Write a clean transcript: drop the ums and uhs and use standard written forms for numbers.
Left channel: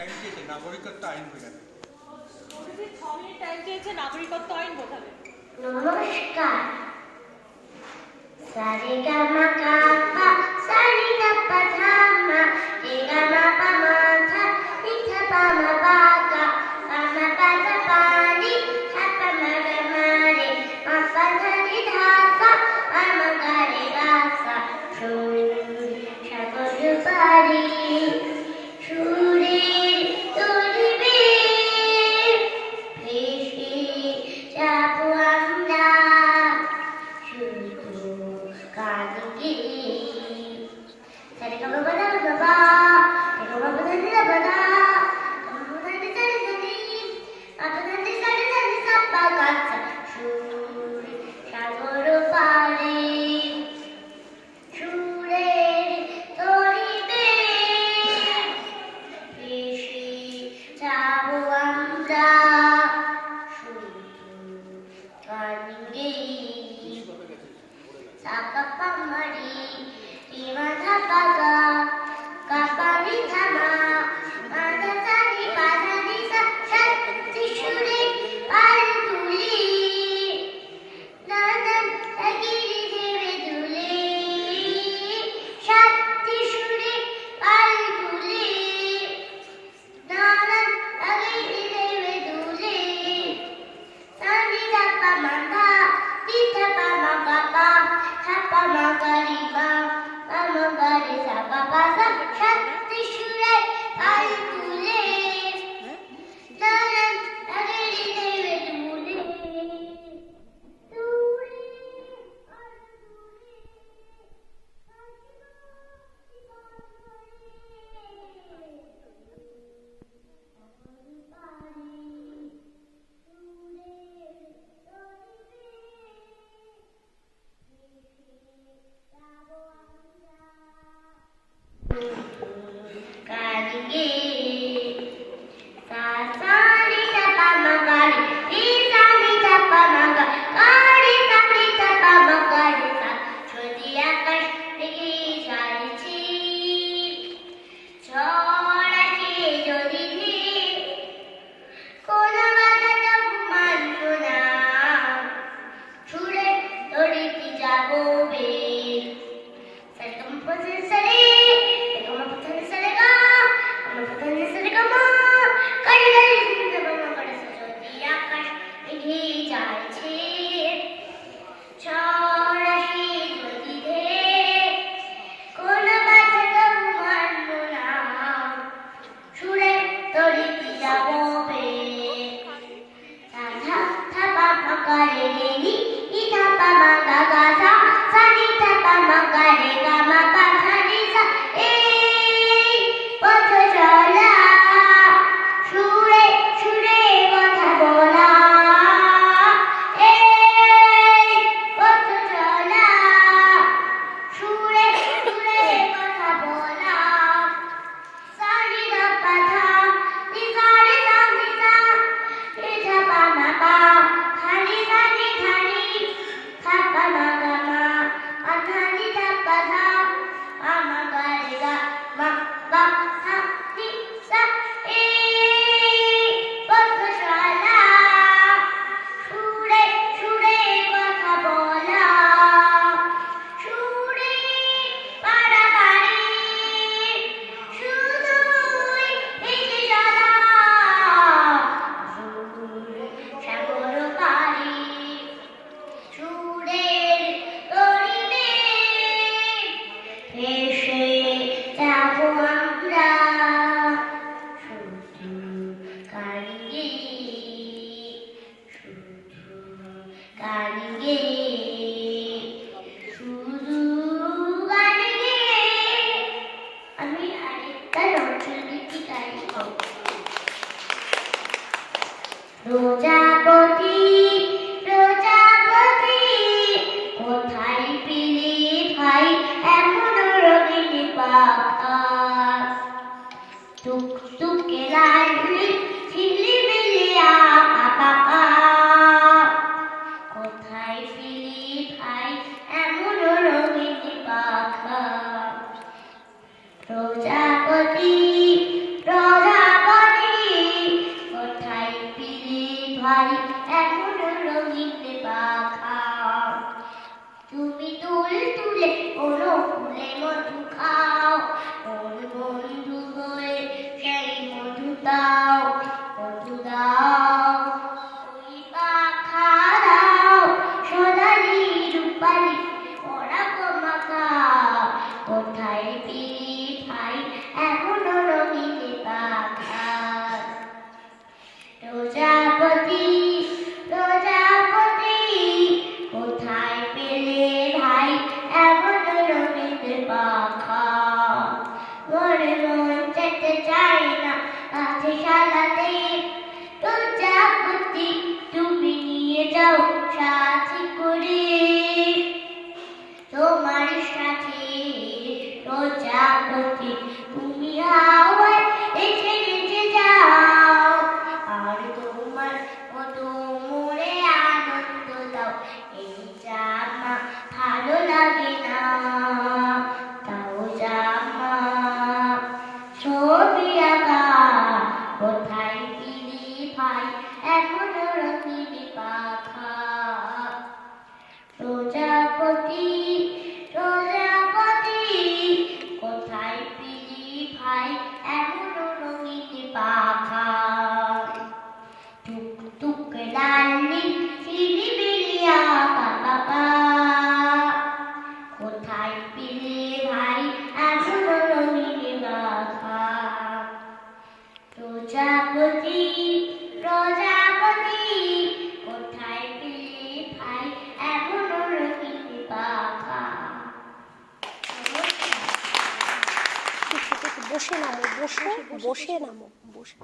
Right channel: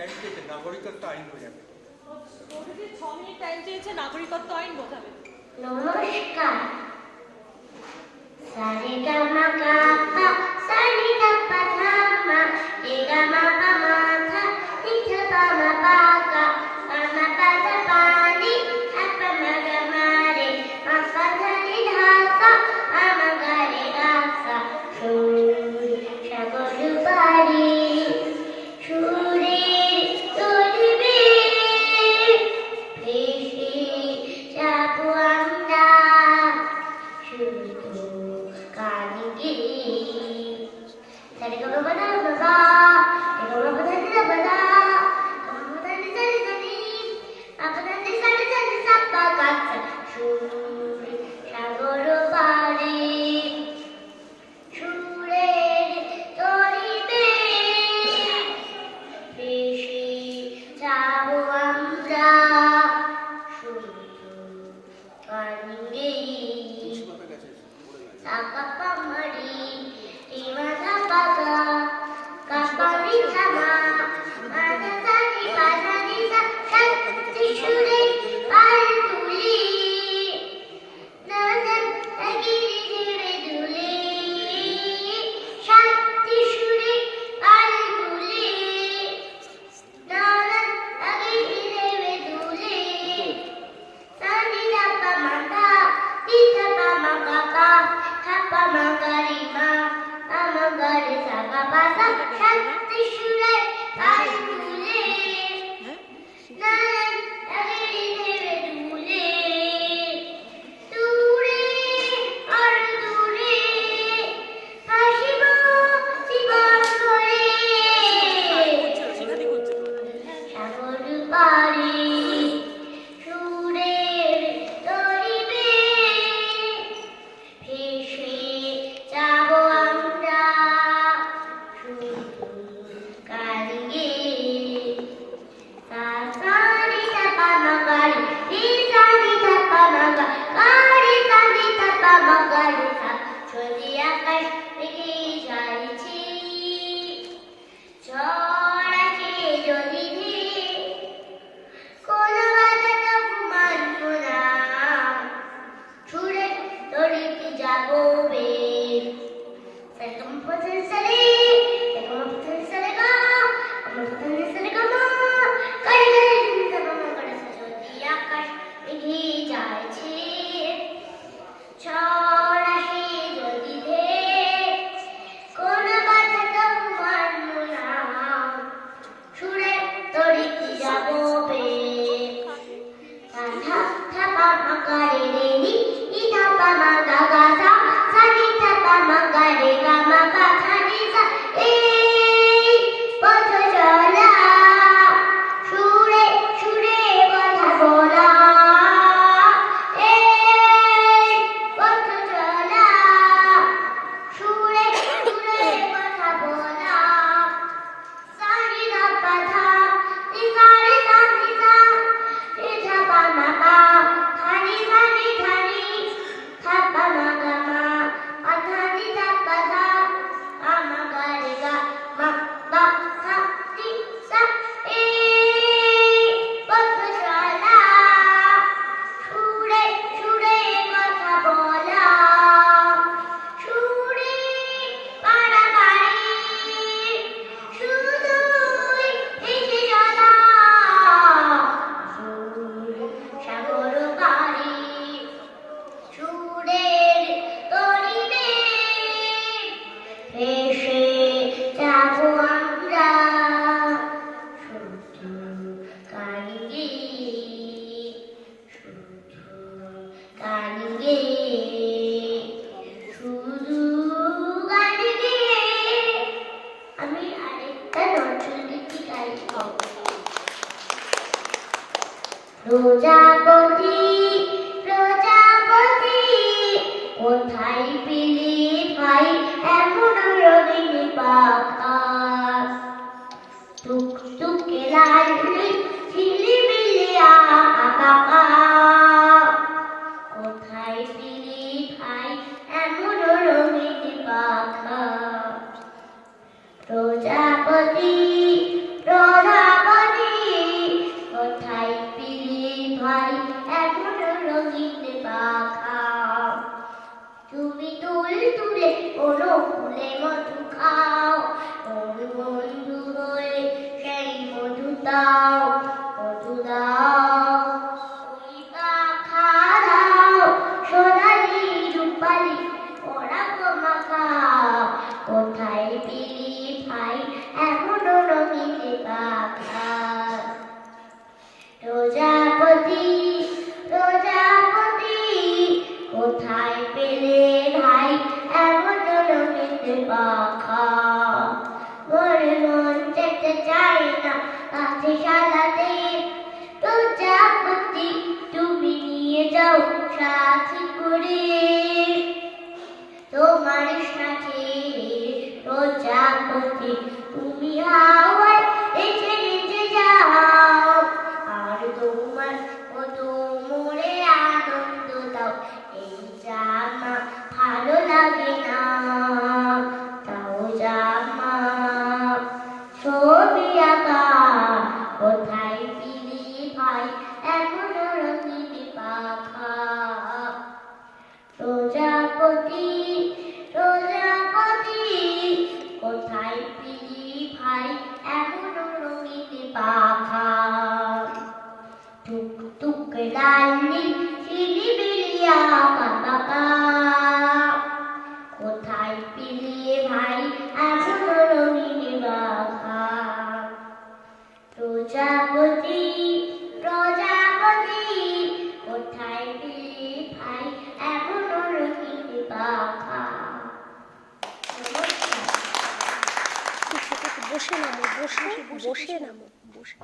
Time চেয়েছে, নাগরিকত্ব আইন বোঝাবে। 6 মিনিট টাইম চেয়েছে, নাগরিকত্ব আইন বোঝাবে। নমস্কার। সারে গামা কাপা সানি ধাপা ধামা রে গামা পামা ধা নিধা পামা বাগা পামা পাদা পানি হাপা মাগা মারে মাপা ধারে ধাসা পামা গারে গাসা সুর সাগর পারি সুরের তরিবে ভেসে যাবো আমরা শুধু কালিকে সারে গামা বাদা বাবা রে গামা বাদা নিধা বাদা গামা বাদা নিধা নিধা নি আপনা নিধা নিধা নিধা পা গাছা সুর সাগর পারে সুরের তরিবে ভেসে যাবো আমরা শুধু কালিকে সাকা পামারি টিমাধা পাগা কাপানি থামা মাধা সানি পাধানি সা শান্তি সুরে পাল তুলি নানান আগিরি দেবে দুলে শান্তি সুরে পাল তুলি নানান আগিরি দেবে দুলে সানি ধাপা মাগা দিধা পামা কাপা হাপা মাগারি মা পামা গারি সাগা পাসা শান্তি সুরে পাল তুলে নানান আগিরি দেবে দুলে দূরে আর দূরে হাসিব জীবন করে সাগর পারি সুরের তরিবে ভেসে যাবো আমরা শুধু কালিকে সানি ধাপা মাগারি রে সানি ধাপা মাগা গারি সানি ধাপা মাগারি সা যদি আকাশ থেকে যাইছি ঝড় আসে যদি কোন বাধা মানব না ছুড়ে তড়িতে যাবো বে সারে গামা পধা সারে গামা পধা সারে গা গামা পধা সারে গামা গারি গারি নিধা বামা গারি সা যদি আকাশ ভেঙে যাইছে ঝড় আসে যদি কোন বাধা মানব না ছুড়ে তড়িতে যাবো বে সাধা থাপা মাগারে রে নি ইধা পামা গাগা সা সানি থাপা মাগারে গামা পাধা নি সা এই পথ চলা সুরে সুরে কথা বলা এই পথ চলা সুরে সুরে কথা বলা সানি ধাপা ধা নিধা রে সা নিধা নিধা পামা পা ধানি ধানি ধানি থাপা মাগা মা আধানি ধাপা ধা পামা গারে গা মা বা ধা নি সা এই পথ চলা সুরে সুরে কথা বলা সুরে পাড়াগাড়ি শুধুই এসে চলা সুর সাগর পারি সুরের তরিবে ভেসে যাবো আমরা শুধু কালিকে শুধু কালিকে শুধু কালিকে আমি আরেকটা নজরুল গীতি গাইব। প্রজাপতি প্রজাপতি কোথায় পেলে ভাই এমন রঙিন পাখা টুকটুকে লাল ঝিলিমিলি আঁকা পাকা কোথায় পেলে ভাই এমন রঙিন পাখা প্রজাপতি প্রজাপতি দাও মধু দাও ওই পাখা দাও সোনালি রূপালি ওরা মাখাও কোথায় পিলি ভাই এমন রঙিন পাখা প্রজাপতি প্রজাপতি কোথায় পেলে ভাই এমন রঙিন পাখা মনে মন যেতে চাই না কাছে সালাতে প্রজাপতি তুমি নিয়ে যাও সাথে করে তোমার সাথে প্রজাপতি তুমি হাওয়ায় এসে নিচে যাও আর তোমার মতো মোরে আনন্দ দাও এই জামা ভালো লাগে না তাও জামা ছবি আঁকা কোথায় পিলি ভাই এমন রঙিন পাখা প্রজাপতি প্রজাপতি কোথায় পিলি ভাই এমন রঙিন পাখা টুক টুক লালি চিলিবিলিয়া বাবা কোথায় পিলি ভাই এমন রঙিন পাখা প্রজাপতি প্রজাপতি কোথায় পিলি ভাই এমন রঙিন পাখা বসে নামো বসে নামো বসে